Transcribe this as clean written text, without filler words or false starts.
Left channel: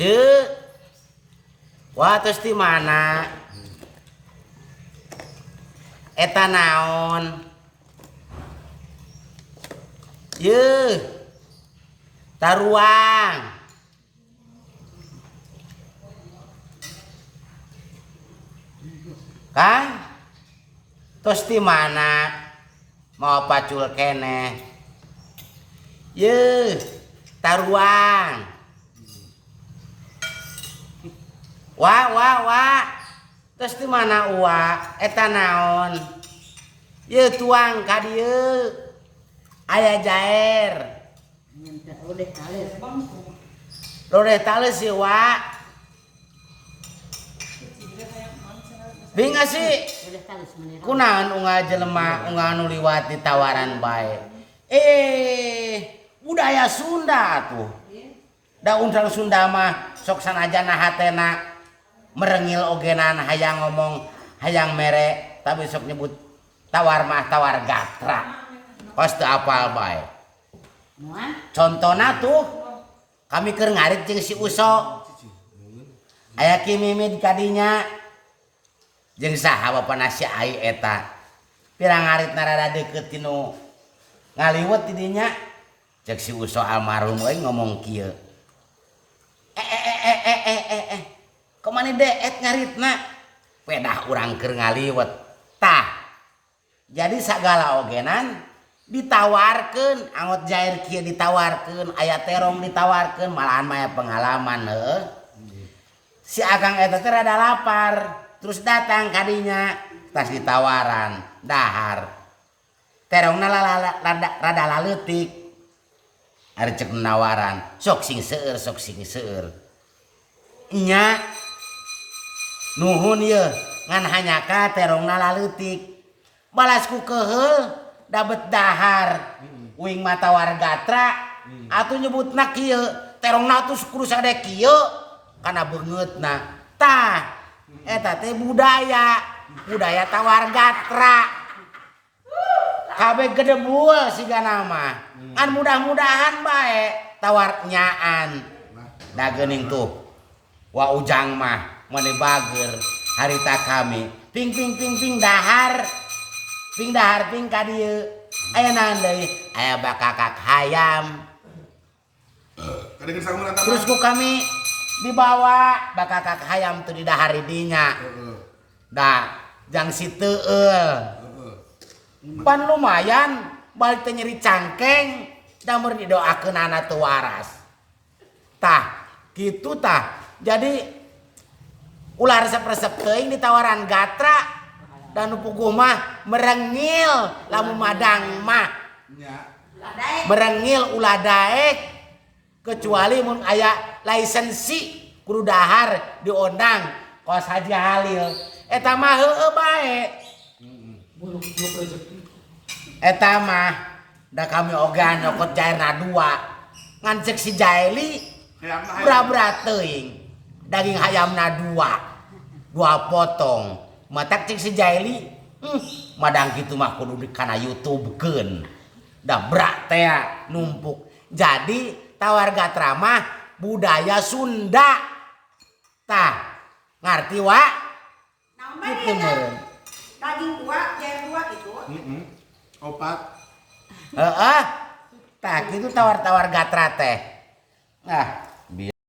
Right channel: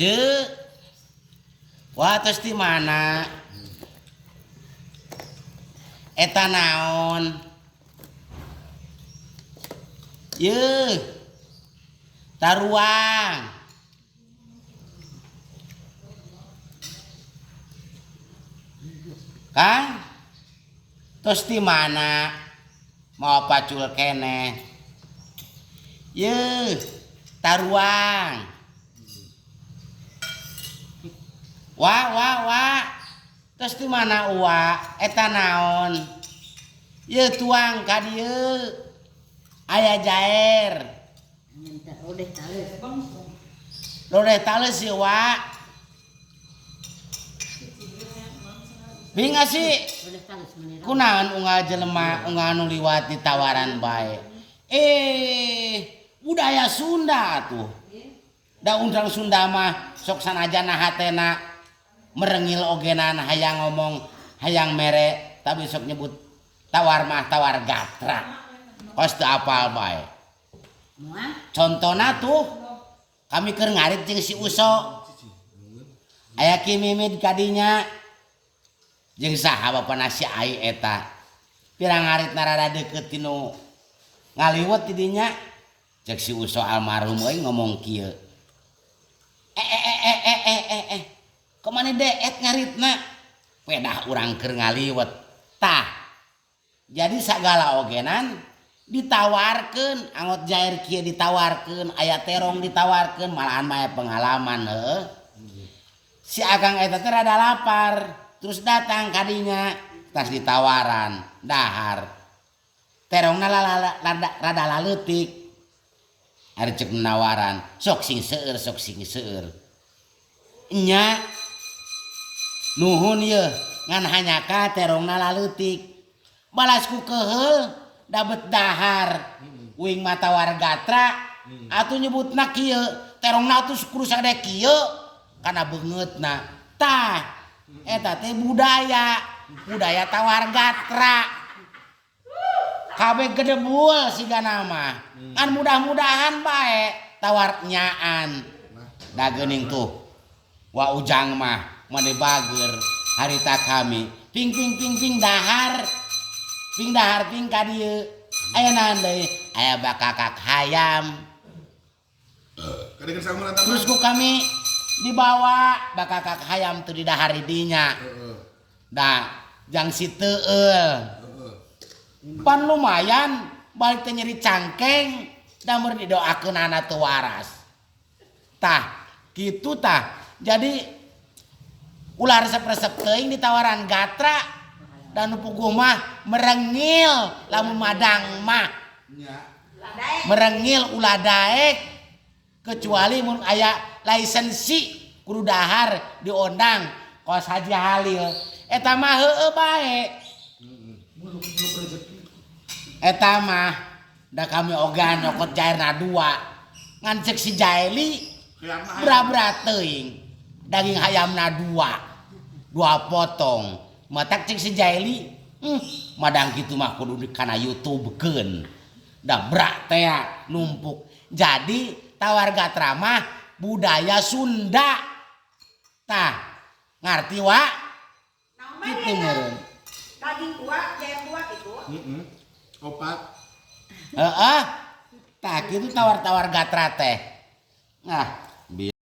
Ceu. Wah terus di mana? Eta naon? Yeuh. Taruang. Kang? Terus di mana? Mau pacul kene? Yeuh. Taruang. Wah. Terus di mana eta naon? Ye tuang ka dieu. Aya jaer. Lodeh tales ye Binga sih. Kunaon unggah jelema unggah anu liwat di tawaran bae. Budaya Sunda tuh. Da undang Sunda mah sok sanajana hatena merengil ogenan hayang ngomong hayang mere tapi sok nyebut tawar mah tawar gatra. Kos teu apal bae. Contona tuh kami keur ngarit jeung si Uso. Aya Ki Mimid kadinya jeung saha bapana si Ai eta. Pirang ngaritna rada deukeut tinu ngaliwet di dinya. Cek si Uso almarhum euy ngomong kieu. Kemana deet ngaritna? Pedah urang keur ngaliwet. Tah. Jadi sagala ogenan ditawarkeun, angot jair kieu ditawarkeun, aya terong ditawarkeun, malahan mah pengalaman heuh. Si Akang eta teh rada lapar, terus datang kadinya, tas ditawaran, dahar. Terongna rada laleutik. Ari cek nawaran, sok sing seueur. Nya nuhun ye ngan hanyaka terongna laleutik. Balasku keheul dabet dahar. Uing mata wargatra atuh nyebutna kieu terongna atuh kudu sagede kieu kana beungeutna. Tah eta teh budaya tawargatra. Kabeh gedebul sigana mah. Kan mudah-mudahan bae tawar nyaan. Da geuning tuh. Wa ujang mah mane bager harita kami. Ping dahar. Ping dahar ping ka dieu. Aya naon deui? Aya bakakak hayam. Terus ku kami dibawa bakakak hayam teu didahar dinya. Da jang si teueul. Pan lumayan balik teh nyeri cangkeng da meureun didoakeun anak teu waras. Tah, kitu tah. Jadi ulah resep-resep teuing ditawaran gatra dan puguh mah merengil lamun madang mah. Merengil ulah daek kecuali mun aya lisensi kudu dahar diondang kos Haji Halil. Eta mah heueuh bae. Eta mah da kami ogan nyokot jairna 2 ngan cek si Jaili berat-berat teuing daging hayamna 2 potong matak cek si Jaili madang kitu mah kudu kana YouTubekeun da berat teh numpuk. Jadi tawar gatra mah budaya Sunda tah ngarti wa kitu meureun daging 2 jair 2 itu opat tah kitu tawar-tawar gatra teh. Nah